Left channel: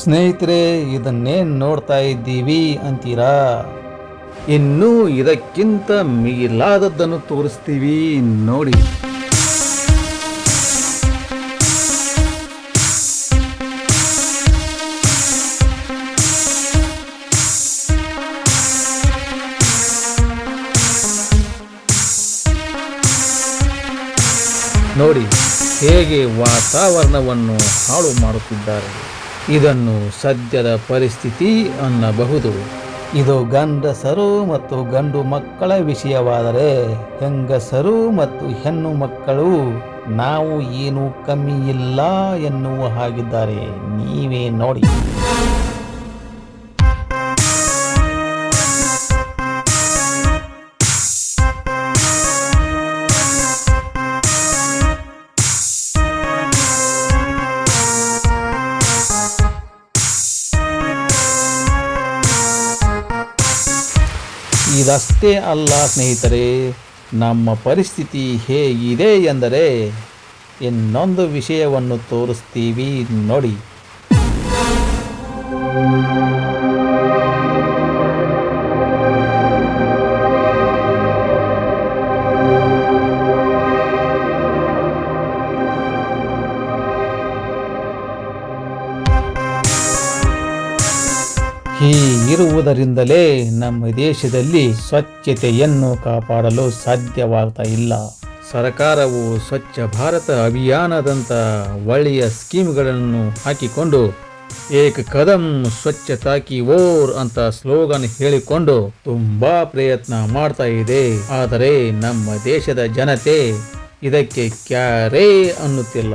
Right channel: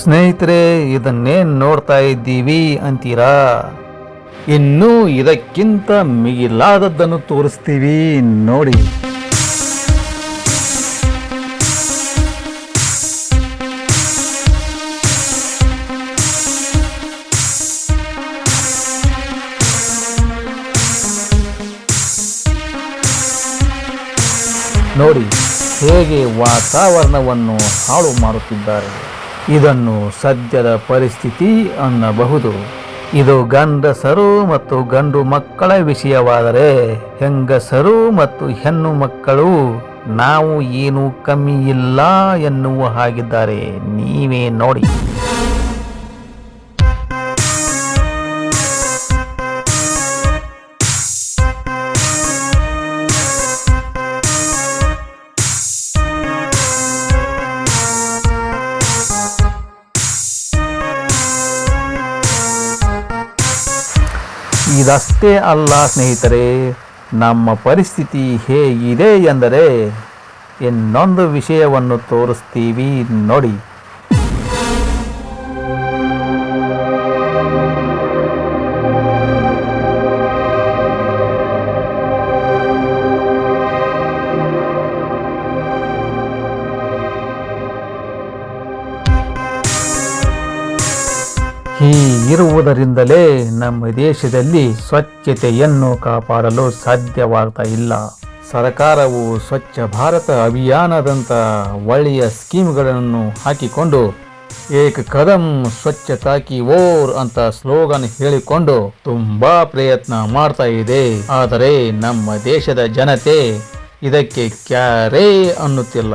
ಸ್ನೇಹಿತರೆ ಇದನ್ನೇನು ನೋಡ್ತಾ ಇದ್ದೀವಿ ಅಂತೀರಾ? ಇನ್ನೂ ಇದಕ್ಕಿಂತ ಮಿಗಿಲಾದದ್ದನ್ನು ತೋರಿಸ್ತೀವಿ, ನೋಡಿ. ನೋಡಿ, ಹೇಗೆ ವಾತಾವರಣವನ್ನು ಹಾಳು ಮಾಡುತ್ತಿದ್ದಾರೆ. ಇದನ್ನು ಸದ್ಯದ ಪರಿಸ್ಥಿತಿ ಅನ್ನಬಹುದು. ಇದು ಗಂಡಸರು ಮತ್ತು ಗಂಡು ಮಕ್ಕಳ ವಿಷಯವಾದರೆ ಹೆಂಗಸರು ಮತ್ತು ಹೆಣ್ಣು ಮಕ್ಕಳು ನಾವು ಏನು ಕಮ್ಮಿ ಇಲ್ಲ ಎನ್ನುವ ಹಾಗಿದ್ದಾರೆ. ನೀವೇ ನೋಡಿ. ಇದಷ್ಟೇ ಅಲ್ಲ ಸ್ನೇಹಿತರೆ ನಮ್ಮ ಪರಿಸ್ಥಿತಿ ಹೇಗಿದೆ ಎಂದರೆ ಇನ್ನೊಂದು ವಿಷಯವನ್ನು ತೋರಿಸ್ತೀವಿ ನೋಡಿ. ಹೀಗಿರುವುದರಿಂದಲೇ ನಮ್ಮ ದೇಶದಲ್ಲಿ ಸ್ವಚ್ಛತೆಯನ್ನು ಕಾಪಾಡಲು ಸಾಧ್ಯವಾಗ್ತಾ ಇಲ್ಲ. ಸರ್ಕಾರವು ಸ್ವಚ್ಛ ಭಾರತ ಅಭಿಯಾನದಂಥ ಒಳ್ಳೆಯ ಸ್ಕೀಮ್ಗಳನ್ನು ಹಾಕಿಕೊಂಡು ಏಕ ಕದಂ ಸ್ವಚ್ಛತಾ ಕಿ ಓರ್ ಅಂತ ಸ್ಲೋಗನ್ ಹೇಳಿಕೊಂಡು ತುಂಬಾ ಪ್ರಯತ್ನ ಮಾಡ್ತಾ ಇದೆ. ಆದರೆ ನಮ್ಮ ದೇಶದ ಜನತೆ ಇದಕ್ಕೆ ಕ್ಯಾರೇ ಅನ್ನುತ್ತಿಲ್ಲ.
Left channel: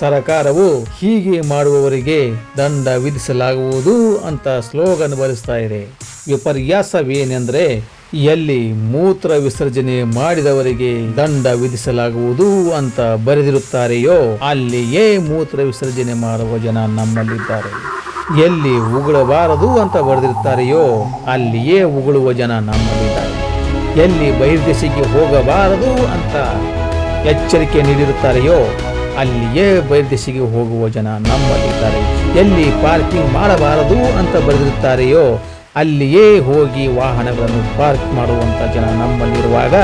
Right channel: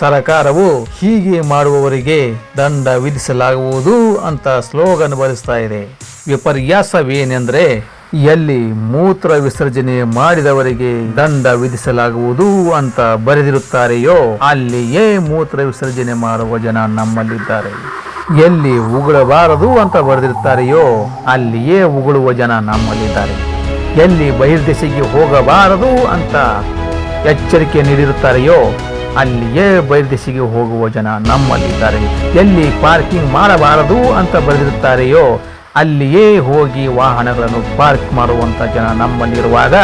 ಸರ್ಕಾರವು ಹೀಗೆ ಮಾಡುವವರಿಗೆ ದಂಡ ವಿಧಿಸಲಾಗುವುದು ಅಂತ ಸ್ಲೋಗನ್ ಬರೆಸ್ತಾ ಇದೆ. ವಿಪರ್ಯಾಸವೇನೆಂದರೆ ಎಲ್ಲಿ ಮೂತ್ರ ವಿಸರ್ಜನೆ ಮಾಡಿದವರಿಗೆ ದಂಡ ವಿಧಿಸಲಾಗುವುದು ಅಂತ ಬರೆದಿರುತ್ತಾರೆಯೋ ಅಲ್ಲಿಯೇ ಮೂತ್ರ ವಿಸರ್ಜನೆ ಮಾಡುವ ಜನ ನಮ್ಮಲ್ಲಿದ್ದಾರೆ. ಎಲ್ಲಿ ಉಗುಳಬಾರದು ಅಂತ ಬರೆದಿರುತ್ತಾರೆಯೋ ಅಲ್ಲಿಯೇ ಉಗುಳುವ ಜನ ನಮ್ಮಲ್ಲಿದ್ದಾರೆ. ಎಲ್ಲಿ ಬಹಿರ್ದೇಶಕ್ಕೆ ಹೋಗಬಾರದು ಅಂತ ಎಚ್ಚರಿಕೆ ನೀಡಿರುತ್ತಾರೆಯೋ ಅಲ್ಲಿಯೇ ಬಹಿರ್ದೇಶಿಗೆ ಹೋಗುವ ಜನ ನಮ್ಮಲ್ಲಿದ್ದಾರೆ. ಎಲ್ಲಿ ಪಾರ್ಕಿಂಗ್ ಮಾಡಬಾರದು ಅಂತ ಬರೆದಿರುತ್ತಾರೆಯೋ, ಅಲ್ಲಿಯೇ ಹೋಗಿ ವಾಹನಗಳನ್ನು ಪಾರ್ಕ್ ಮಾಡುವಂಥ ಜನ ನಮ್ಮಲ್ಲಿರುವಾಗ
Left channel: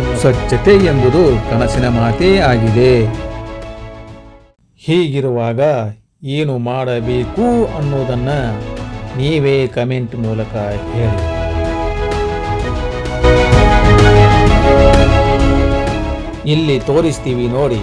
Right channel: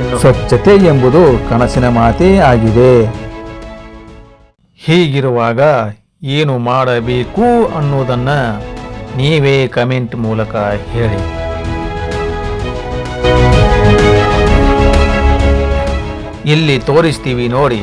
ಇನ್ನು ಸ್ವಚ್ಛತೆ ಎಂಬುದು ಕನಸಿನ ಮಾತೇ ಆಗಿದೆ. ಹೀಗಿರುವಾಗ ಏನು ಮಾಡಬೇಕು ಅನ್ನೋದನ್ನು ನೀವೇ ಕಮೆಂಟ್ ಮೂಲಕ ಹೇಳಿ. ಇಲ್ಲಿ ತೋರಿಸ್ತೀವಿ ನೋಡಿ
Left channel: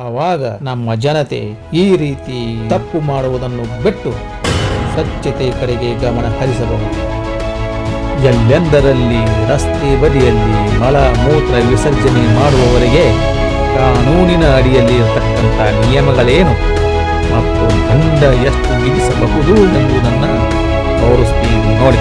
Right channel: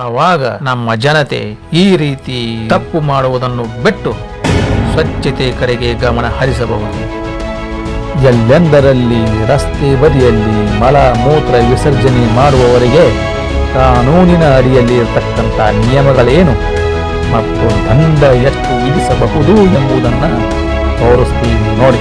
ಆವಾಗ ನಮ್ಮ ಜನತೆ ಈ ರೀತಿ ತಪ್ಪು ಮಾಡುವುದನ್ನು ಬಿಟ್ಟು ಸ್ವಚ್ಛತೆ ಕಡೆಗೆ ಗಮನ ಹರಿಸಬಹುದು. ಎಲ್ಲೆಂದರಲ್ಲಿ ರಸ್ತೆ ಬದಿಯಲ್ಲಿ ಮಲ ಮೂತ್ರ ವಿಸರ್ಜನೆ ಮಾಡುವವರಿಗೆ ಕಾನೂನಿನ ಅಡಿಯಲ್ಲಿ ಇರತಕ್ಕಂಥ ನಿಯಮಗಳೇನು ಮತ್ತು ದಂಡ ಎಷ್ಟು ವಿಧಿಸಬಹುದು ಎಂಬುದನ್ನು ತೋರಿಸ್ತೀವಿ ನೋಡಿ.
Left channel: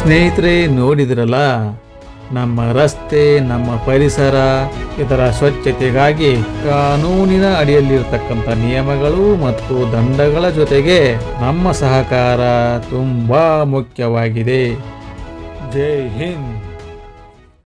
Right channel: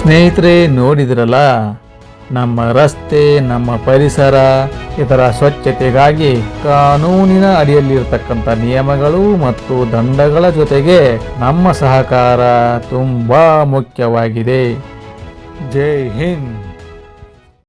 ಸ್ನೇಹಿತರೆ, ನೋಡಿದ್ರಲ್ಲ? ನಮ್ಮ ರಸ್ತೆ, ನಮ್ಮ ಪರಿಸರ, ಇದರ ಸ್ವಚ್ಛತೆಗಾಗಿ ಕಾನೂನಿನ ಅಡಿಯಲ್ಲಿರ್ತಕ್ಕಂಥ ನಿಯಮಗಳು ಮತ್ತು ದಂಡಗಳ ಜೊತೆಗೆ ನಮ್ಮ ಸಹಕಾರ ತುಂಬ ಮುಖ್ಯವಾಗಿದೆ. ಜೈ ಹಿಂದ್.